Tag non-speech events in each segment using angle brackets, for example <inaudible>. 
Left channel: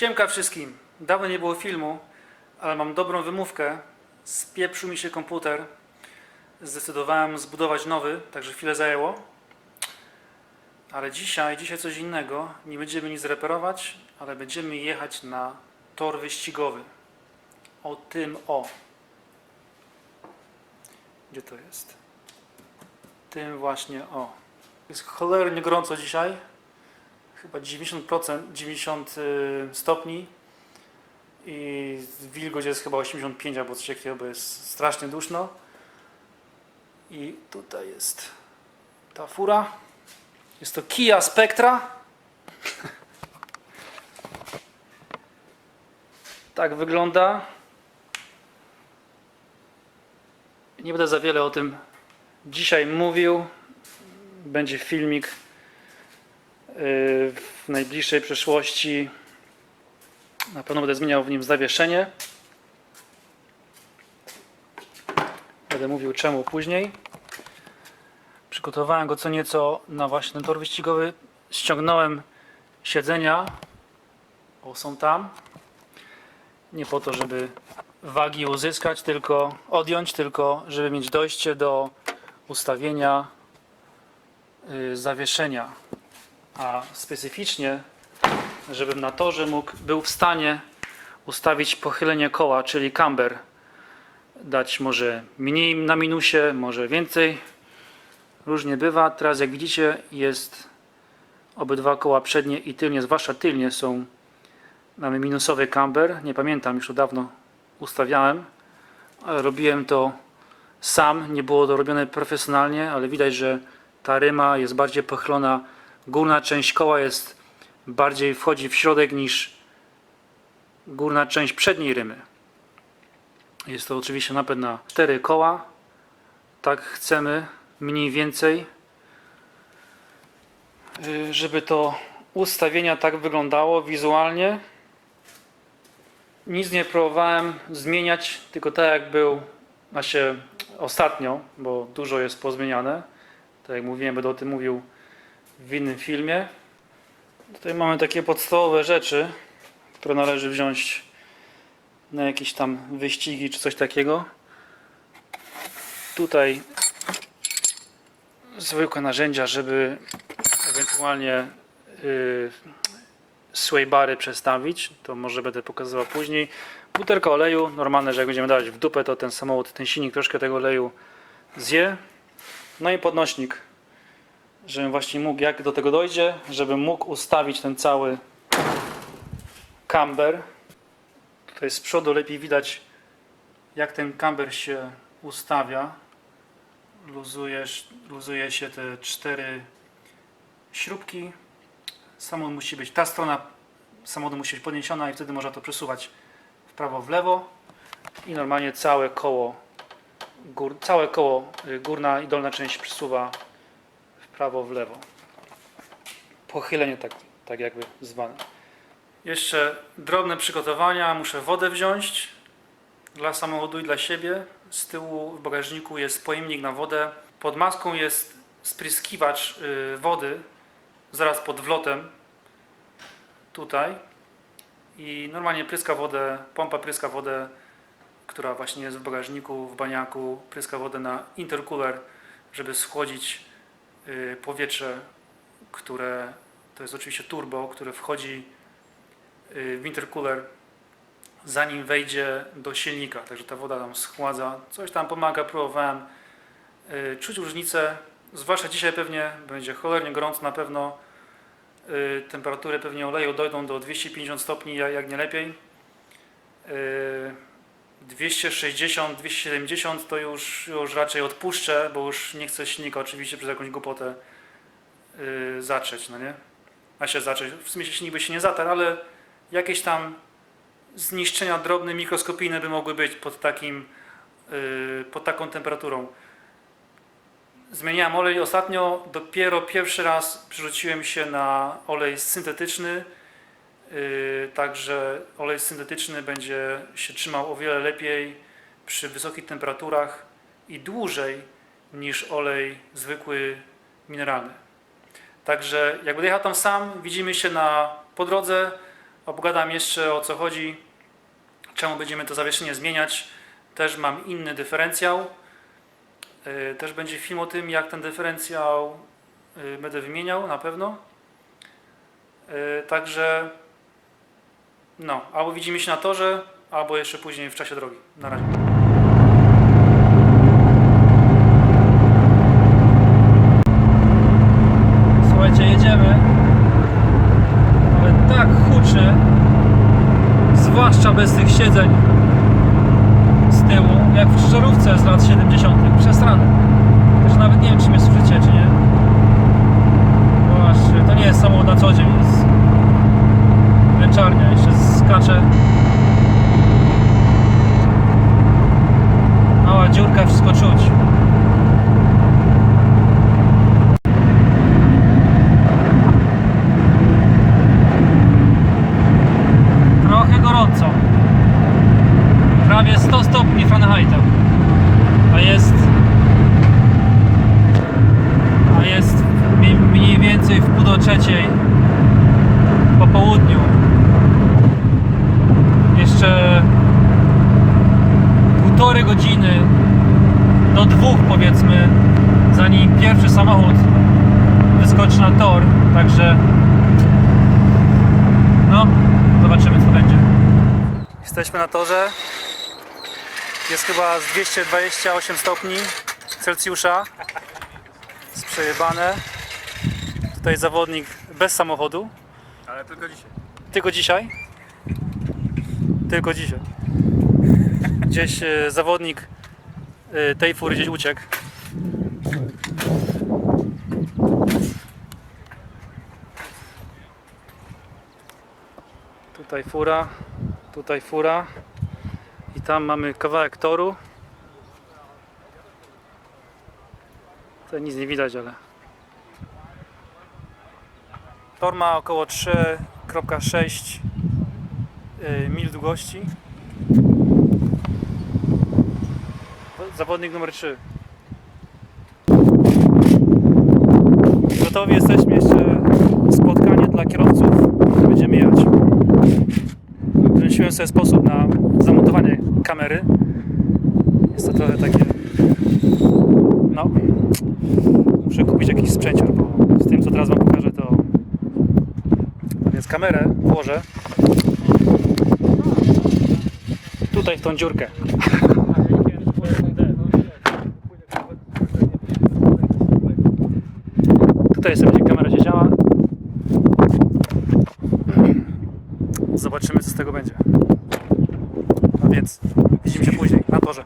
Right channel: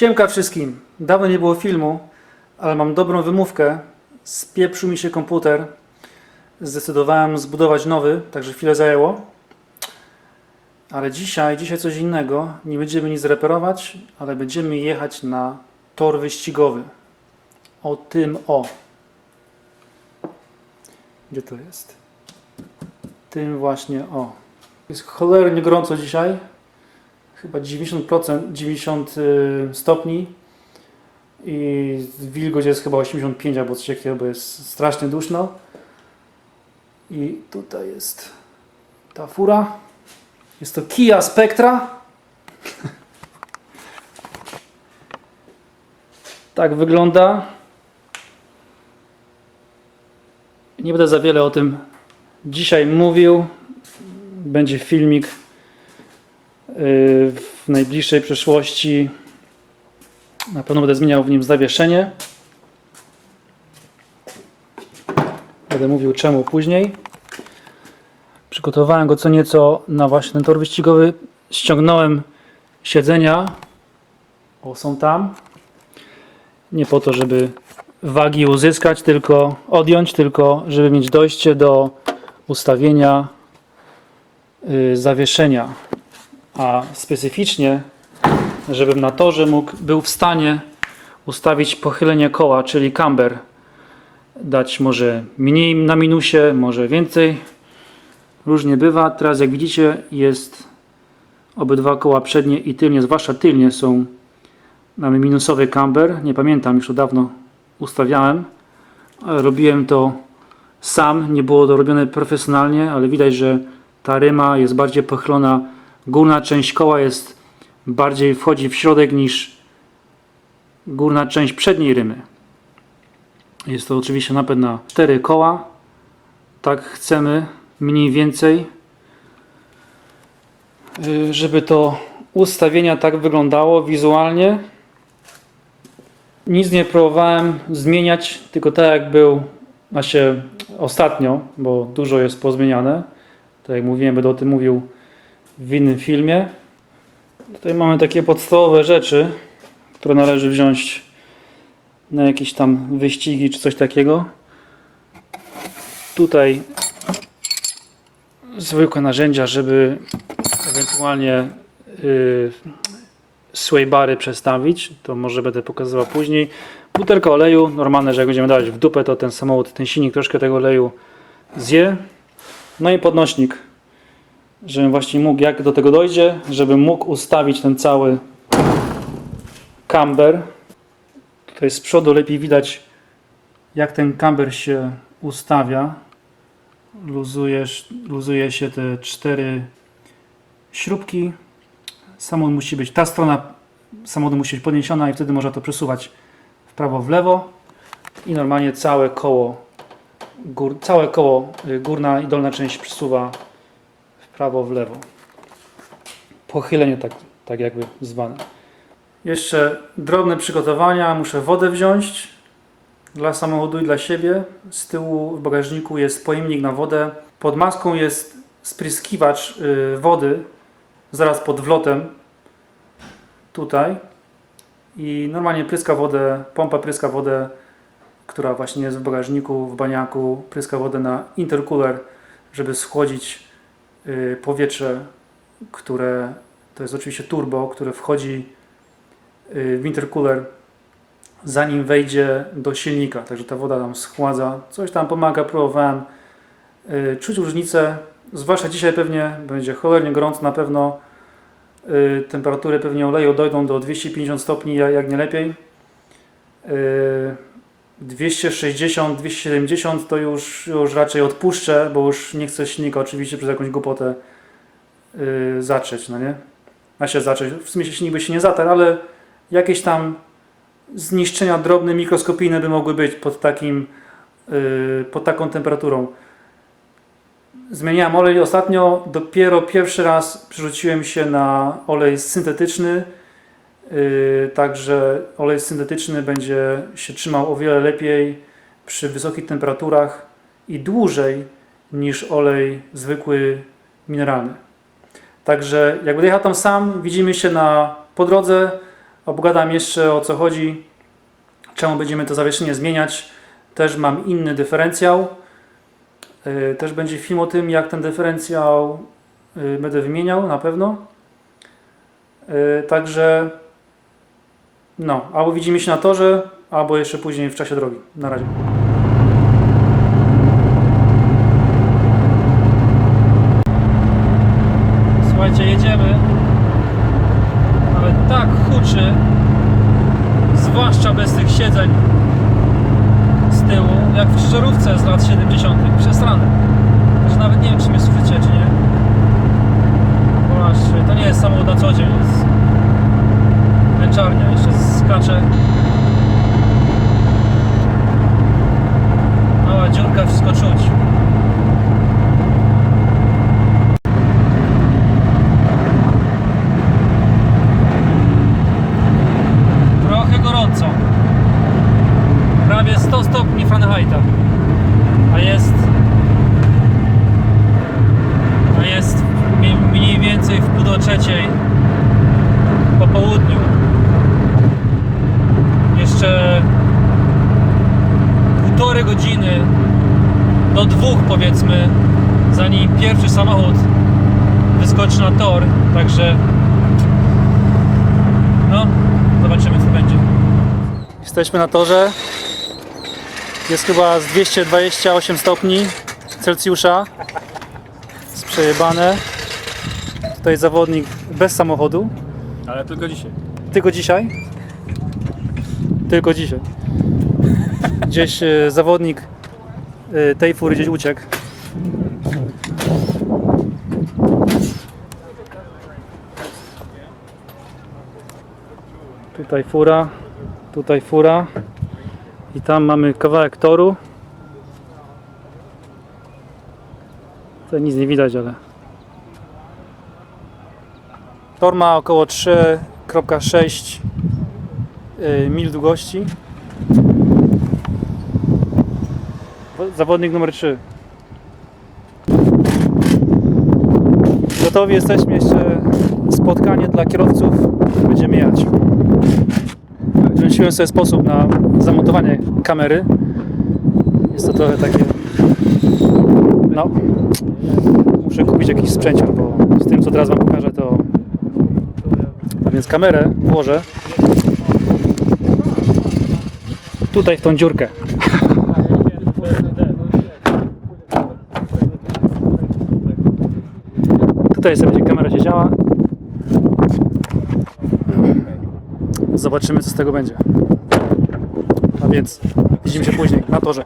Siemka wszystkim. Dawno nie było filmu, ale mam dobrą wymówkę. Spieprzył mi się komputer. Zdecydowałem zbudować nowy, także chwilę zajęło. Ale dzisiaj, dzisiaj coś innego. Nie będziemy nic reperować, ale będziemy jechać na tor wyścigowy. O tym o. Gdzie to jest? Tym właśnie o. Jest cholernie gorąco dzisiaj chyba 90%, 90 y, stopni i wilgoć jest chyba 85 albo coś takiego, bo jest strasznie duszno. I tutaj jest ta fura. Jest to Kia Spectra. <laughs> tak wygląda. Nie będę za wiele o tym dzisiaj mówił. Będzie filmik w najbliższej przyszłości na pewno będę zmieniał w nim zawieszenie. Będę mówił czemu później. Przygotowałem go co nieco na właśnie ten tor wyścigowy. Ściągnąłem siedzenia. O, są tam. Nie po to, żeby wagi uzyskać, tylko odjąć, tylko żeby mieć dojście do ustawienia y, zawieszenia a specyficznie, żebym na torze mógł, był w stanie ustawić pochylenie koła, czyli camber. Dać może mniej na minusie, może więcej. Różnie bywa. Teraz jak widzicie jest obydwa koła przednie i tylnie, zwłaszcza tylnie są mamy minusowy camber. Nie pamiętam, już to dawno ustawiałem, ale robiłem to sam. Nie było to robione profesjonalnie, ale widać, że ta ryma jest bardziej pochylona górna część koła jest bardziej wchodzi w środek niż górna część przedniej rymy. Jest to oczywiście napęd na cztery koła. Tak chcemy mniej więcej, y, żeby to ustawienia tak wyglądało wizualnie. Nic nie próbowałem zmieniać, tylko tak jak był właśnie ostatnio, bo dużo jest pozmieniane. Tak jak mówiłem, będę o tym mówił w innym filmie. Tutaj mamy takie podstawowe rzeczy, które należy wziąć na jakieś tam wyścigi czy coś takiego. Tutaj zwykłe narzędzia, żeby ewentualnie yy, sway bary przestawić. To może będę pokazywał później. Butelka oleju, normalne, że jak będziemy dawać w dupę, to ten samochód, ten silnik troszkę tego oleju zje. No i podnośnik żebym właśnie mógł, jak do tego dojdzie, żebym mógł ustawić ten cały camber. Tutaj z przodu lepiej widać, jak ten camber się ustawia. Luzujesz, luzuje się te cztery śrubki. Samochód musi być, ta strona samochodu musi być podniesiona i wtedy można to przesuwać w prawo, w lewo i normalnie całe koło, gór, całe koło, y, górna i dolna część przesuwa prawo, w lewo. Pochylenie tak, tak jakby zwane. Jeszcze drobne przygotowania. Muszę wodę wziąć dla samochodu i dla siebie. Z tyłu w bagażniku jest pojemnik na wodę. Pod maską jest spryskiwacz y, wody zaraz pod wlotem tutaj i normalnie pryska wodę, pompa pryska wodę, która właśnie jest w bagażniku, w baniaku, pryska wodę na intercooler, żeby schłodzić powietrze, które to jest oczywiście turbo, które wchodzi y, w intercooler zanim wejdzie do silnika, także ta woda tam schładza, coś tam pomaga, próbowałem y, czuć różnicę, zwłaszcza dzisiaj pewnie będzie cholernie gorąco na pewno. Temperatury pewnie oleju dojdą do 250 stopni, jak nie lepiej 260, 270 to już, już raczej odpuszczę, bo już nie chcę silnika oczywiście przez jakąś głupotę yy, zacząć, no nie? A się zacząć. W sumie silnik by się nie zatarł, ale jakieś tam zniszczenia drobne, mikroskopijne by mogły być pod takim, yy, pod taką temperaturą. Zmieniałem olej ostatnio, dopiero pierwszy raz przerzuciłem się na olej syntetyczny, także olej syntetyczny będzie się trzymał o wiele lepiej przy wysokich temperaturach i dłużej niż olej zwykły mineralny. Także jak będę jechał tam sam, widzimy się na po drodze. Obgadam jeszcze o co chodzi, czemu będziemy to zawieszenie zmieniać. Też mam inny dyferencjał. Y, Też będzie film o tym, jak ten dyferencjał y, będę wymieniał na pewno. Także no, albo widzimy się na torze, albo jeszcze później w czasie drogi. Na razie. Słuchajcie, jedziemy, ale tak huczy, zwłaszcza bez tych siedzeń z tyłu, jak w żarówce z lat 70. Przesrane. Także nawet nie wiem, czy mnie słyszycie, czy nie. Właśnie, to nie jest samochód na co dzień, jest męczarnia, jeszcze skacze. Mała dziurka, wszystko czuć. Trochę gorąco. Prawie 100 stopni Fahrenheita. A jest. A jest mi- mniej więcej w pół do trzeciej po południu. Jeszcze półtorej godziny do dwóch powiedzmy, zanim pierwszy samochód wyskoczy na tor. Także no, zobaczymy co będzie. Jesteśmy na torze. Jest chyba z 228 stopni Celsjusza. Jest przejebane. Tutaj zawodnik bez samochodu. Ale tylko dzisiaj. Tylko dzisiaj? Tylko dzisiaj. Gdzieś e, zawodnik e, tej fury gdzieś uciekł. Tutaj fura, tutaj fura i tam mamy kawałek toru. Tutaj nic nie widać, ale Tor ma około 3,6 y, mil długości. Wo- Zawodnik numer 3. Gotowi jesteśmy jeszcze spotkanie dla kierowców. Będziemy jechać. Wymyśliłem sobie sposób na zamontowanie kamery. Jest to trochę takie. No. Muszę kupić jakiś sprzęcior, bo z tym co teraz Wam pokażę to a więc kamerę włożę tutaj w tą dziurkę. <laughs> Tutaj sobie będzie kamera siedziała. Zobaczymy co z tego będzie. A więc widzimy się później na torze.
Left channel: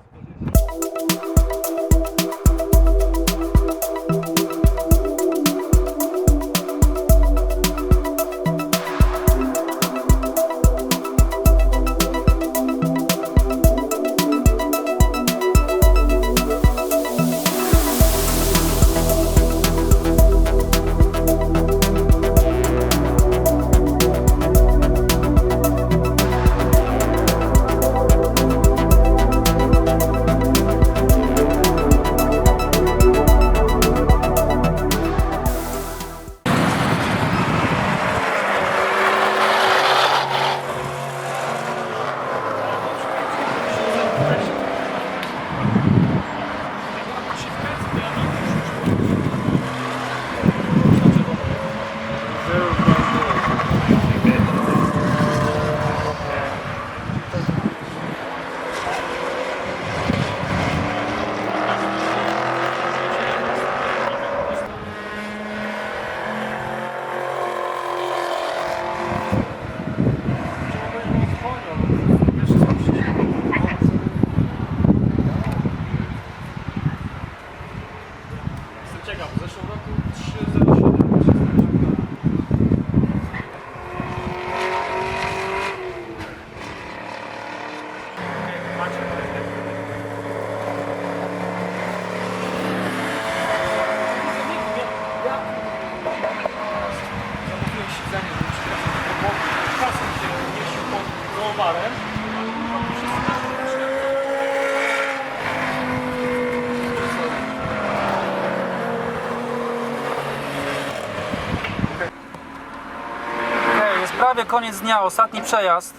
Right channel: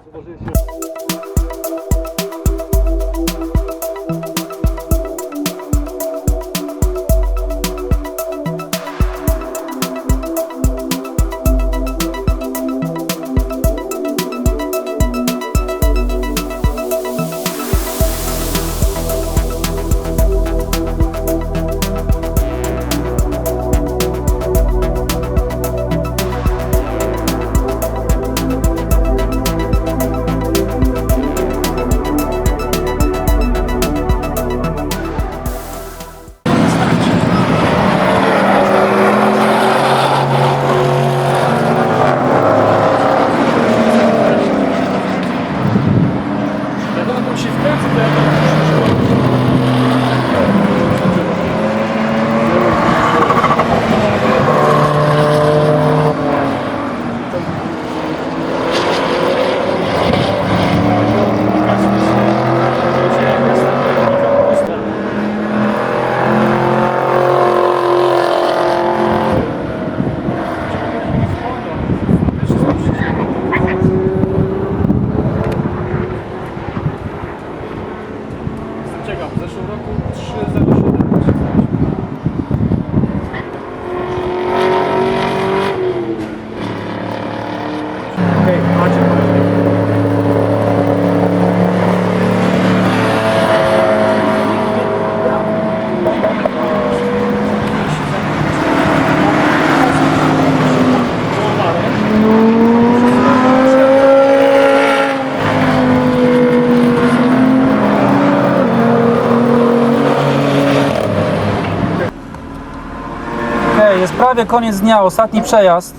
Koniec dnia, ostatni przejazd.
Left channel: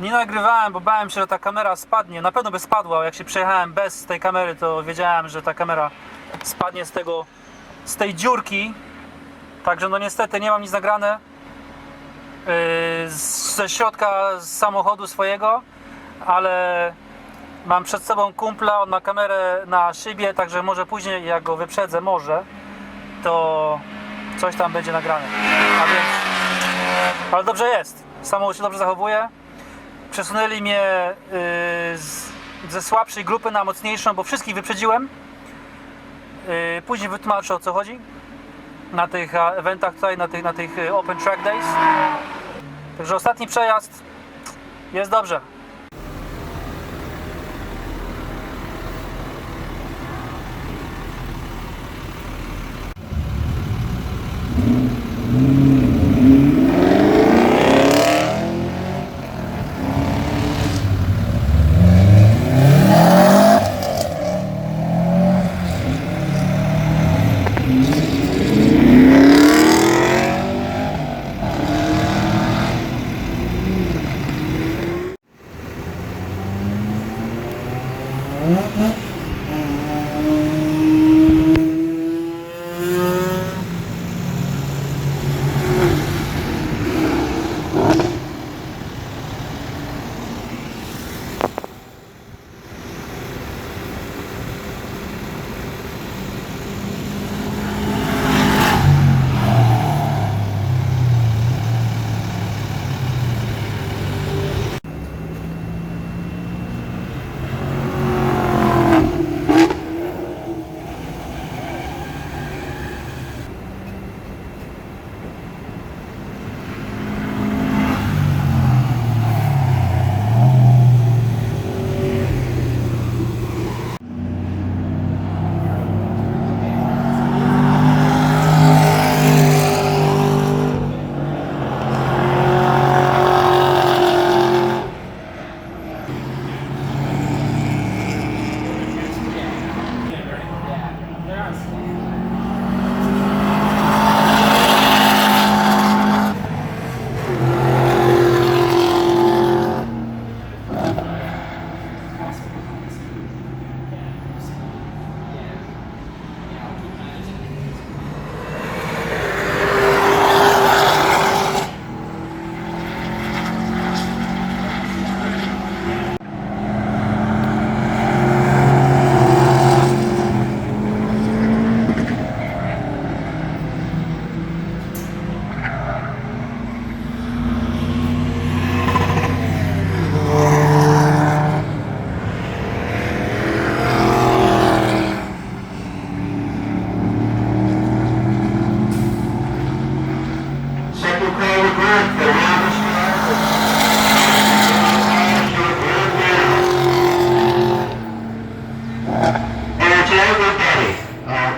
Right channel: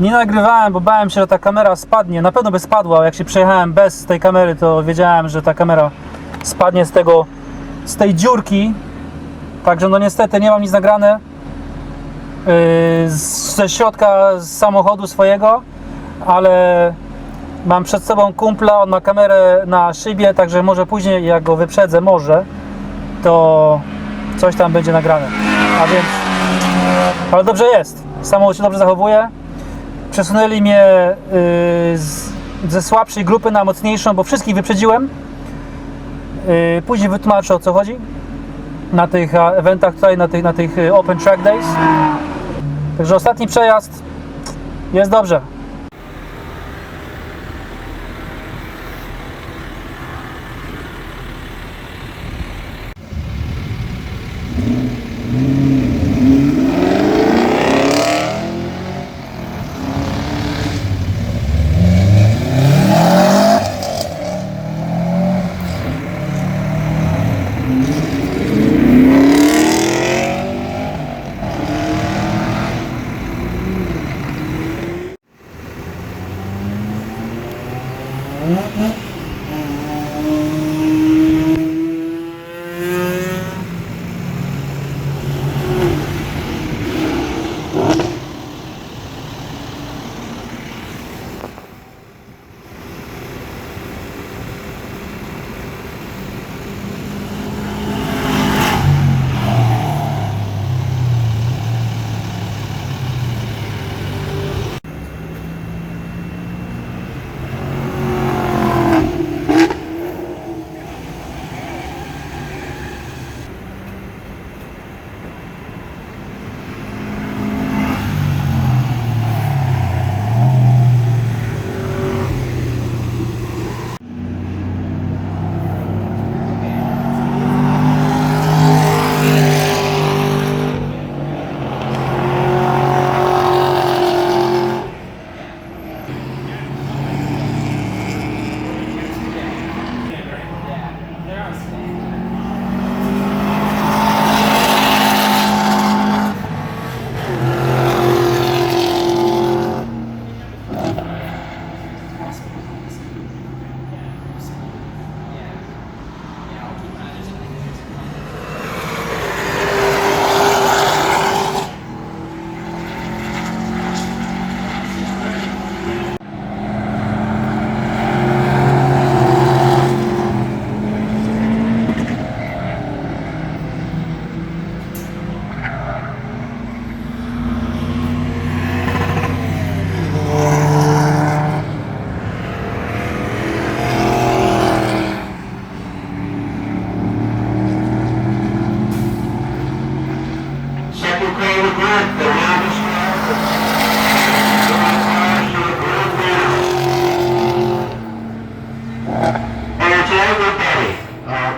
Nie nagrywałem, bo bałem się, że ta kamera spadnie. Na pewno by spadła. Jak się przejechałem bez tej kamery, to wiedziałem, że ta kamera spadnie z tego, z tej dziurki. Także no niestety nie mam nic nagrane yy, ze środka z samochodu swojego, ale mam przed sobą kumpla, on ma kamerę na szybie, także może później jak go wyprzedzę, może, to coś tam będzie nagrane. A więc, ale dobrze jest. Samochód się dobrze zachowuje. Przesunęli mnie yy, z, ze słabszej grupy na mocniejszą, bo wszystkich wyprzedziłem. Yy, później wytłumaczę o co chodzi na tych eventach tutaj, na tych, na tych e, Open Track Days. Także ostatni przejazd jest dobrze.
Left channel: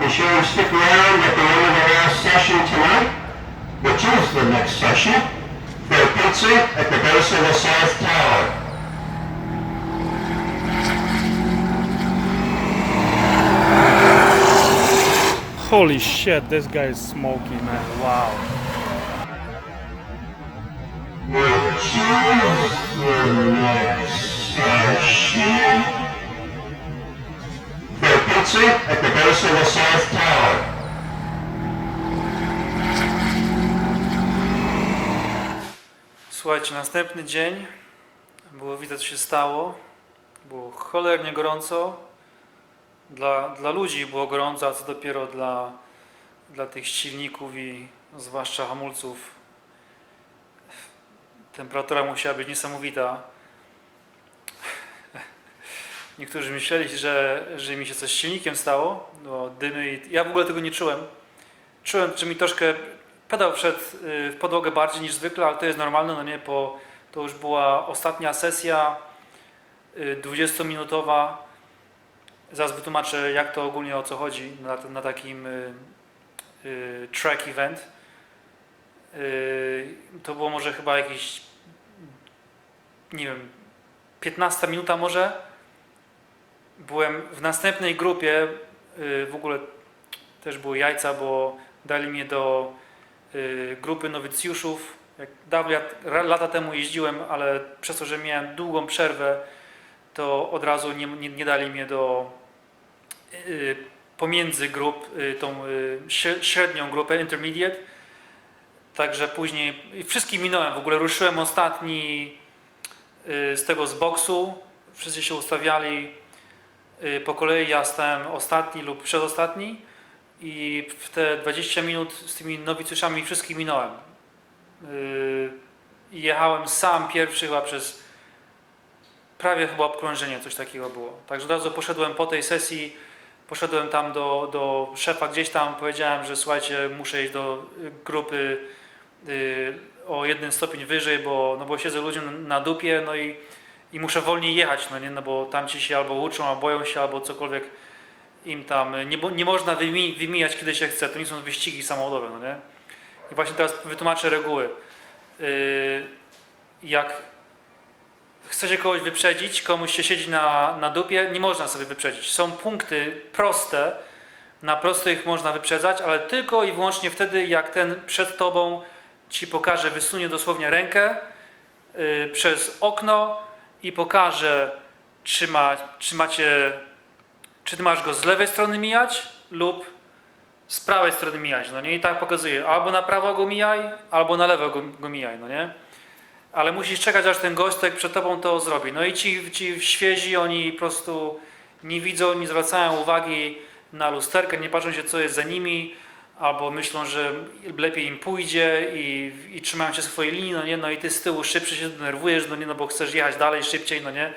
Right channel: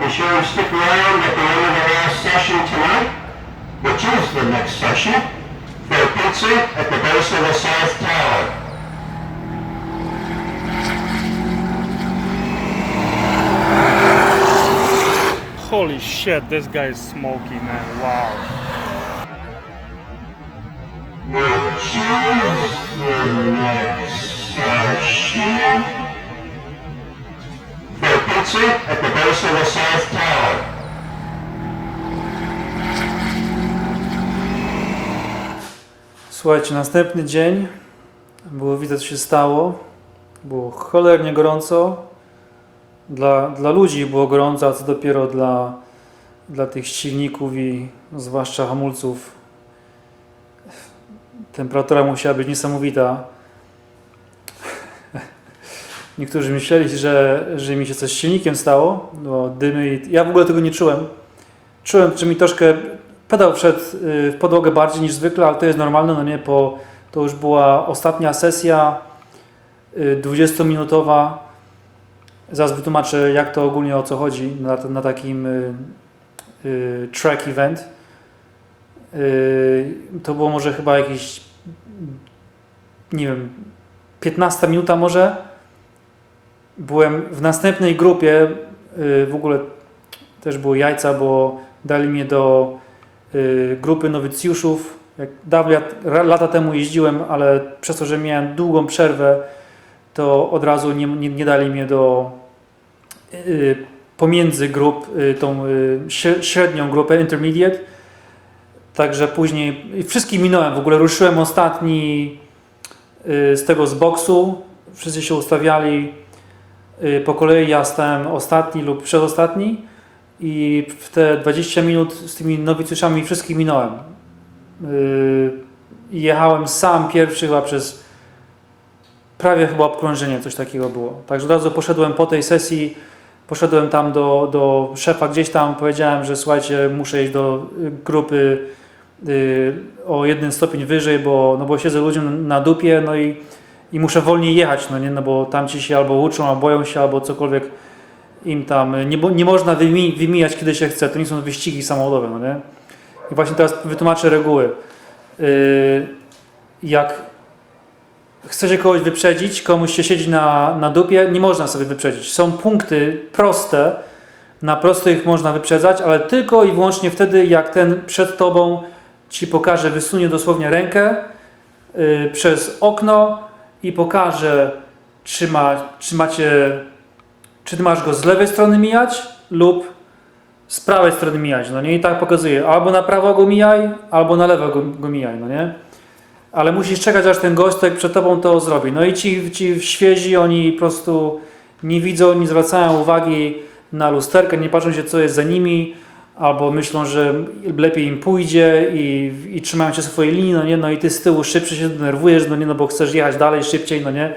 Be sure to stick around at the end of the last session tonight, which is the next session, for pizza at the base of the South Tower. Holy shit, this guy is smoky, man. Wow. Pizza at the base of the South Tower. Słuchajcie, następny dzień. Było widać, co się stało. Było cholernie gorąco. Dla, dla ludzi było gorąco, a co dopiero dla, dla tych silników i zwłaszcza hamulców. Temperatura musiała być niesamowita. Niektórzy myśleli, że, że mi się coś z silnikiem stało, bo dymy i... Ja w ogóle tego nie czułem. Czułem, że mi troszkę pedał wszedł y, w podłogę bardziej niż zwykle, ale to jest normalne, no nie, bo to już była ostatnia sesja y, 20-minutowa. Zaraz wytłumaczę, jak to ogólnie o co chodzi na, na takim y, y, track event. Y, to było może chyba jakieś, nie wiem, 15 minuta może. Byłem w następnej grupie, y, w ogóle też były jajca, bo dali mnie do y, grupy nowicjuszów Jak dawno lata temu jeździłem, ale przez to, że miałem długą przerwę, to od razu nie, nie, nie dali mnie do y, pomiędzy grup, tą śre- średnią grupę, intermediate. Także później wszystkich minąłem. W ogóle ruszyłem ostatni z tego z boksu. Wszyscy się ustawiali po kolei. Ja stałem ostatni lub przedostatni. I w te 20 minut z tymi nowicjuszami wszystkich minąłem. I jechałem sam pierwszy chyba przez prawie chyba obkrążenie, coś takiego było. Także od razu poszedłem po tej sesji, poszedłem tam do, do szefa gdzieś tam, powiedziałem, że słuchajcie, muszę iść do y, grupy y, o jeden stopień wyżej, bo, no bo siedzę ludziom na dupie, no i, i muszę wolniej jechać, no nie, no bo tam ci się albo uczą, albo boją się, albo cokolwiek im tam, y, nie, nie można wymi, wymijać kiedy się chce, to nie są wyścigi samochodowe, no nie. I właśnie teraz wytłumaczę reguły. Yy, jak chce się kogoś wyprzedzić, komuś się siedzi na, na dupie, nie można sobie wyprzedzić. Są punkty proste, na prostych można wyprzedzać, ale tylko i wyłącznie wtedy, jak ten przed tobą ci pokaże, wysunie dosłownie rękę yy, przez okno i pokaże, czy, ma, czy macie, czy ty masz go z lewej strony mijać lub z prawej strony mijać, no nie? I tak pokazuje, albo na prawo go mijaj, albo na lewo go, go mijaj, no nie? Ale musisz czekać, aż ten gostek przed tobą to zrobi. No i ci, ci świezi, oni po prostu nie widzą, nie zwracają uwagi na lusterkę, nie patrzą się, co jest za nimi, albo myślą, że lepiej im pójdzie i, i trzymają się swojej linii, no nie? No i ty z tyłu szybciej się denerwujesz, no nie? No bo chcesz jechać dalej szybciej, no nie?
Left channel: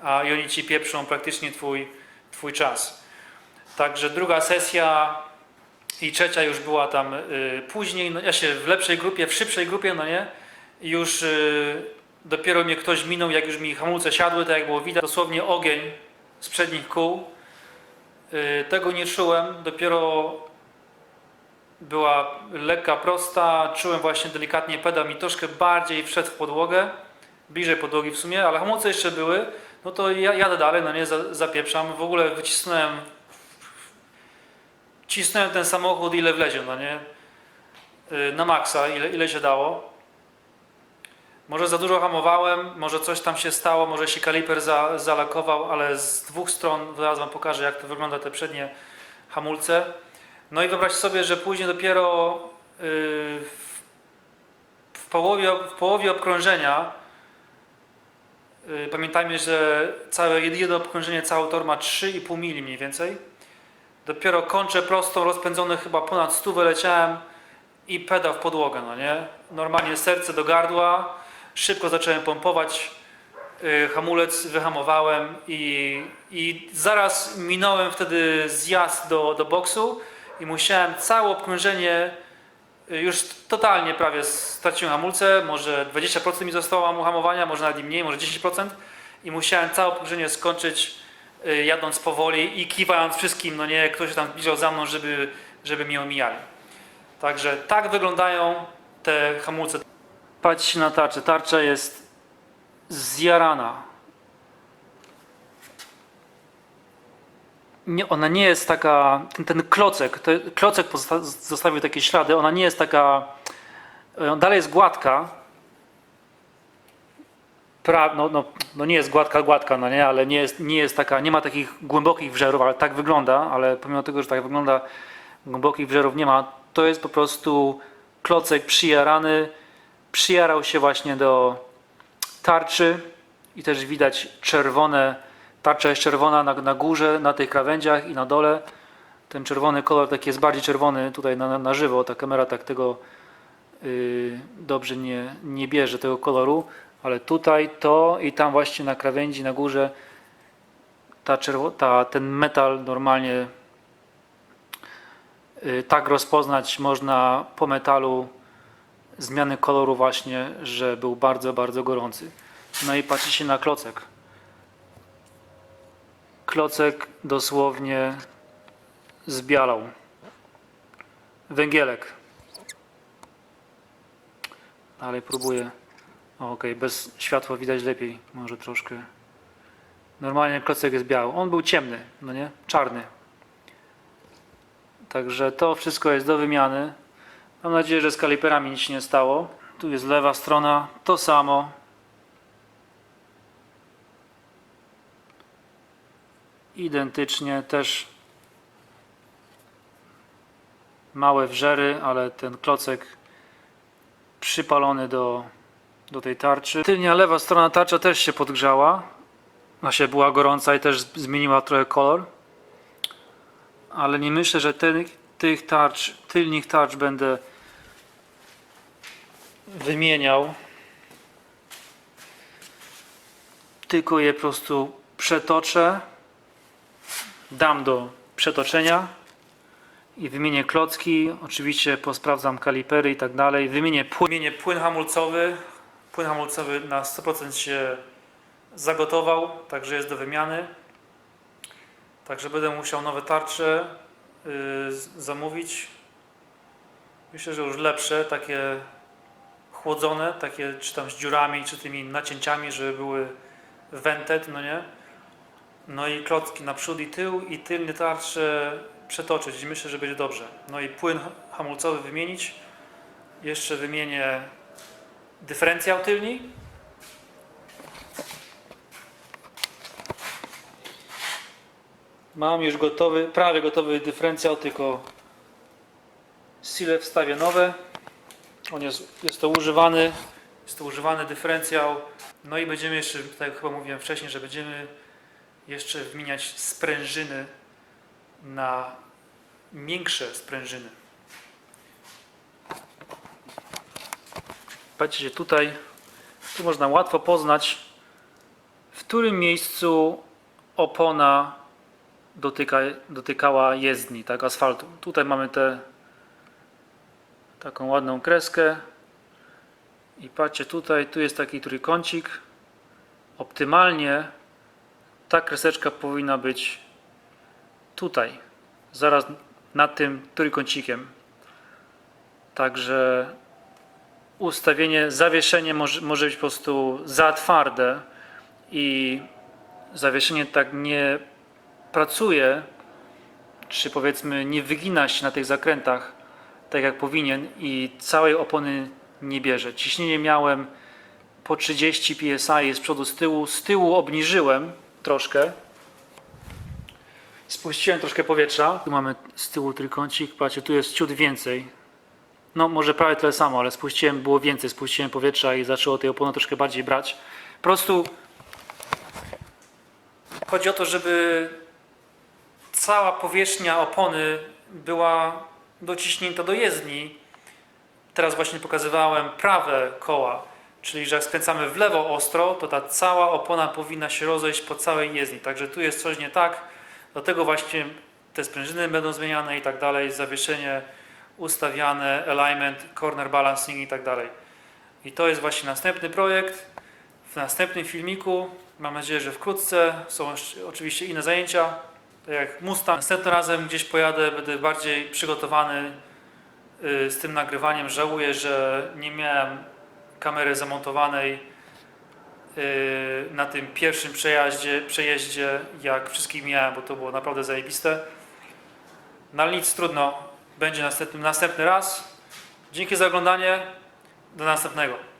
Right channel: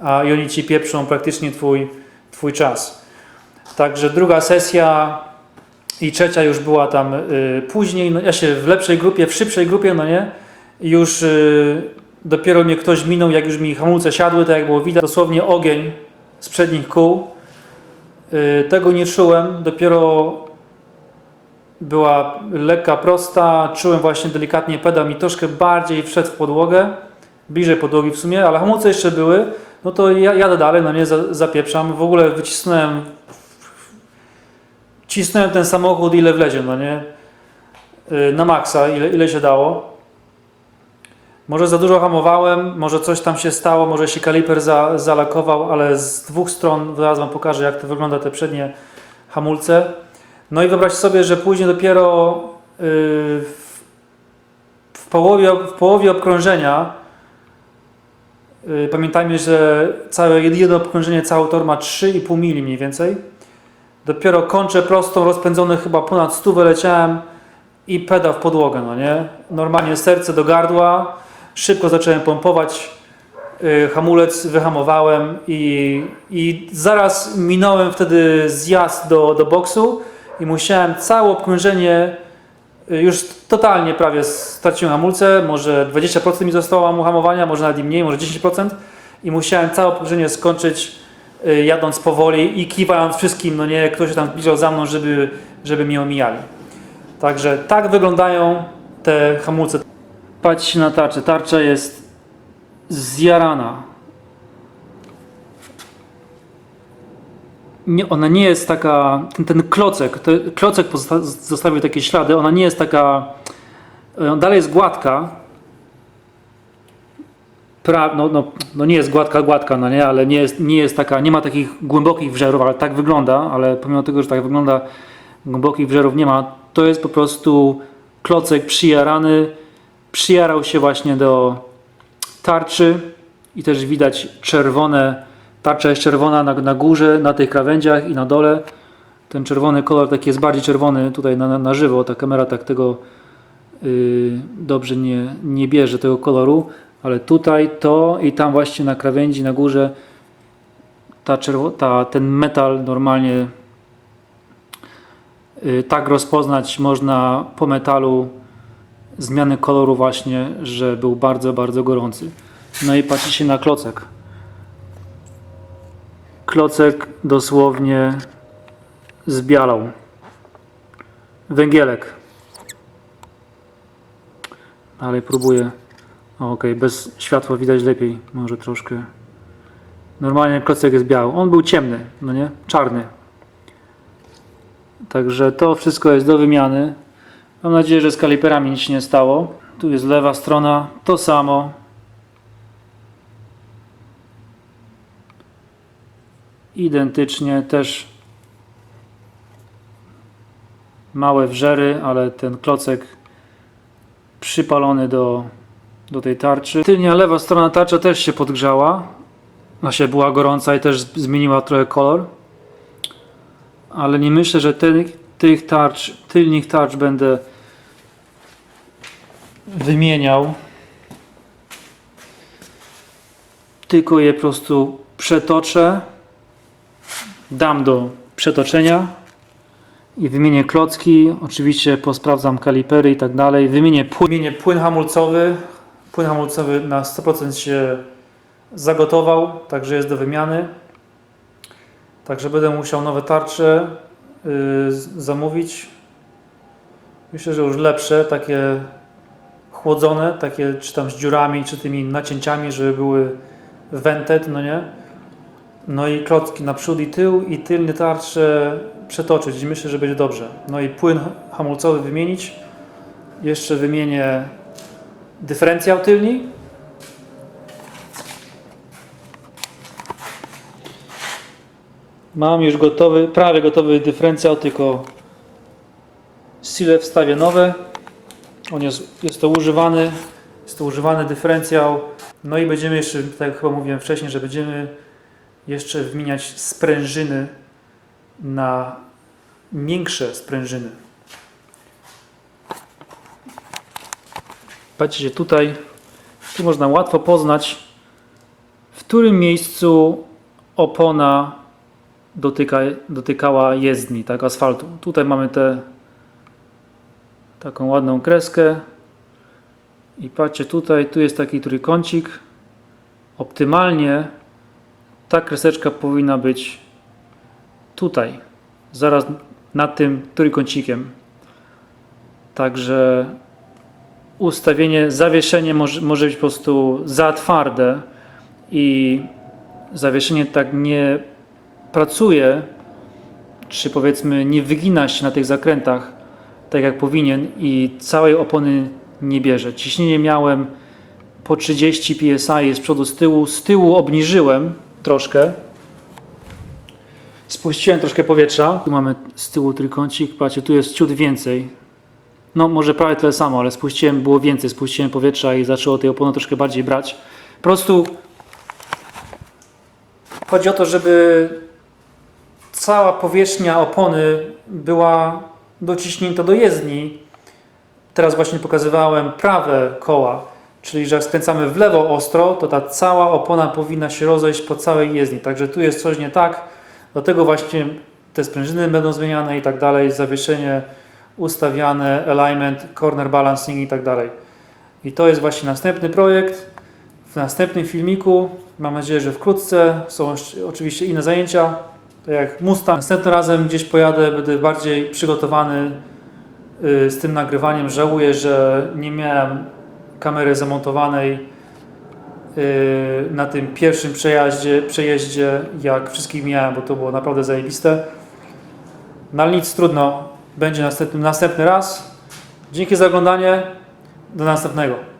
A i oni ci pieprzą praktycznie twój, twój czas. Także druga sesja i trzecia już była tam y, później, no ja się w lepszej grupie, w szybszej grupie, no nie, już y, dopiero mnie ktoś minął, jak już mi hamulce siadły, tak jak było widać, dosłownie ogień z przednich kół. Y, tego nie czułem, dopiero była lekka, prosta, czułem właśnie delikatnie pedał mi troszkę bardziej wszedł w podłogę, bliżej podłogi w sumie, ale hamulce jeszcze były, no to ja jadę dalej, no nie, za- zapieprzam, w ogóle wycisnąłem cisnąłem ten samochód ile wlezie, no nie? Yy, Na maksa, ile, ile się dało. Może za dużo hamowałem, może coś tam się stało, może się kaliper za, zalakował, ale z dwóch stron, zaraz Wam pokażę jak to wygląda te przednie hamulce. No i wyobraźcie sobie, że później dopiero yy, w, połowie, w połowie obkrążenia yy, pamiętajmy, że całe jedno obkrążenie, cały tor ma 3,5 mili mniej więcej. Dopiero kończę prostą, rozpędzony chyba ponad stówę leciałem i pedał w podłogę, no nie? Normalnie serce do gardła, szybko zacząłem pompować, yy, hamulec wyhamowałem i, i zaraz minąłem wtedy zjazd do, do boksu i musiałem całe obkrążenie, yy, już totalnie prawie straciłem hamulce, może 20% mi zostało hamowania, może nawet i mniej, może 10% i musiałem całe obkrążenie skończyć y, jadąc powoli i kiwając wszystkim, no nie, ktoś się tam zbliżał za mną, żeby, żeby mnie omijali. Także tak wyglądają te hamulce. Patrzcie na tarczę. Tarcza jest zjarana. Nie, ona nie jest taka, ten, ten klocek, to, klocek zostawił takie ślady, ona nie jest taka, e, dalej jest gładka, pra, no, no, no nie jest gładka, gładka, no nie, ale nie jest, nie jest taka, nie ma takich głębokich wżerów, ale tak wygląda, ale pomimo tego, że tak wygląda, głębokich wżerów nie ma, to jest po prostu klocek przyjarany, przyjarał się właśnie do tarczy i też widać czerwone, tarcza jest czerwona na, na górze, na tych krawędziach i na dole. Ten czerwony kolor taki jest bardziej czerwony tutaj na, na, żywo, ta kamera tak tego yy, dobrze nie, nie bierze tego koloru, ale tutaj to i tam właśnie na krawędzi, na górze ta czerwo, ta, ten metal normalnie yy, tak rozpoznać można po metalu zmiany koloru właśnie, że był bardzo, bardzo gorący. No i patrzycie na klocek. Klocek dosłownie zbialał. Węgielek. Dalej próbuję. O, Okej, bez światła widać lepiej, może troszkę. Normalnie klocek jest biały. On był ciemny, no nie? Czarny. Także to wszystko jest do wymiany. Mam nadzieję, że z kaliperami nic się nie stało. Tu jest lewa strona, to samo. Identycznie też małe wrzery, ale ten klocek przypalony do, do tej tarczy. Tylnia lewa strona tarcza też się podgrzała. Się była gorąca i też zmieniła trochę kolor. Ale nie myślę, że tych, tych tarcz, tylnych tarcz będę wymieniał. Tylko je po prostu przetoczę. Dam do przetoczenia i wymienię klocki. Oczywiście posprawdzam kalipery i tak dalej. Wymienię płyn, wymienię płyn hamulcowy. Płyn hamulcowy na 100% się zagotował, także jest do wymiany. Także będę musiał nowe tarcze yy, zamówić. Myślę, że już lepsze, takie chłodzone, takie czy tam z dziurami, czy tymi nacięciami, żeby były vented, no nie? No i klocki na przód i tył i tylnie tarcze przetoczyć i myślę, że będzie dobrze. No i płyn hamulcowy wymienić. Jeszcze wymienię dyferencjał tylni. Mam już gotowy, prawie gotowy dyferencjał, tylko sile wstawię nowe. On jest, jest to używany, jest to używany dyferencjał. No i będziemy jeszcze, tak jak chyba mówiłem wcześniej, że będziemy jeszcze wymieniać sprężyny na miększe sprężyny. Patrzcie tutaj, tu można łatwo poznać, w którym miejscu opona dotyka, dotykała jezdni, tak, asfaltu. Tutaj mamy te taką ładną kreskę i patrzcie tutaj, tu jest taki trójkącik. Optymalnie ta kreseczka powinna być tutaj, zaraz nad tym trójkącikiem. Także ustawienie, zawieszenie może, może być po prostu za twarde i zawieszenie tak nie pracuje, czy powiedzmy nie wygina się na tych zakrętach tak jak powinien i całej opony nie bierze. Ciśnienie miałem po 30 psi z przodu, z tyłu. Z tyłu obniżyłem troszkę. Spuściłem troszkę powietrza. Tu mamy z tyłu trójkącik. Patrzcie, tu jest ciut więcej. No może prawie tyle samo, ale spuściłem, było więcej. Spuściłem powietrza i zaczęło tej opony troszkę bardziej brać. Po prostu chodzi o to, żeby cała powierzchnia opony była dociśnięta do jezdni. Teraz właśnie pokazywałem prawe koła, czyli że jak skręcamy w lewo ostro, to ta cała opona powinna się rozejść po całej jezdni. Także tu jest coś nie tak. Dlatego właśnie te sprężyny będą zmieniane i tak dalej, zawieszenie ustawiane, alignment, corner balancing i tak dalej. I to jest właśnie następny projekt. W następnym filmiku, mam nadzieję, że wkrótce, są oczywiście inne zajęcia, tak jak Mustang. Następnym razem gdzieś pojadę, będę bardziej przygotowany y, z tym nagrywaniem. Żałuję, że nie miałem kamery zamontowanej y, na tym pierwszym przejaździe, przejeździe, jak wszystkich miałem, bo to było naprawdę zajebiste. No ale nic, trudno. Będzie następny, następny raz. Dzięki za oglądanie. Do następnego.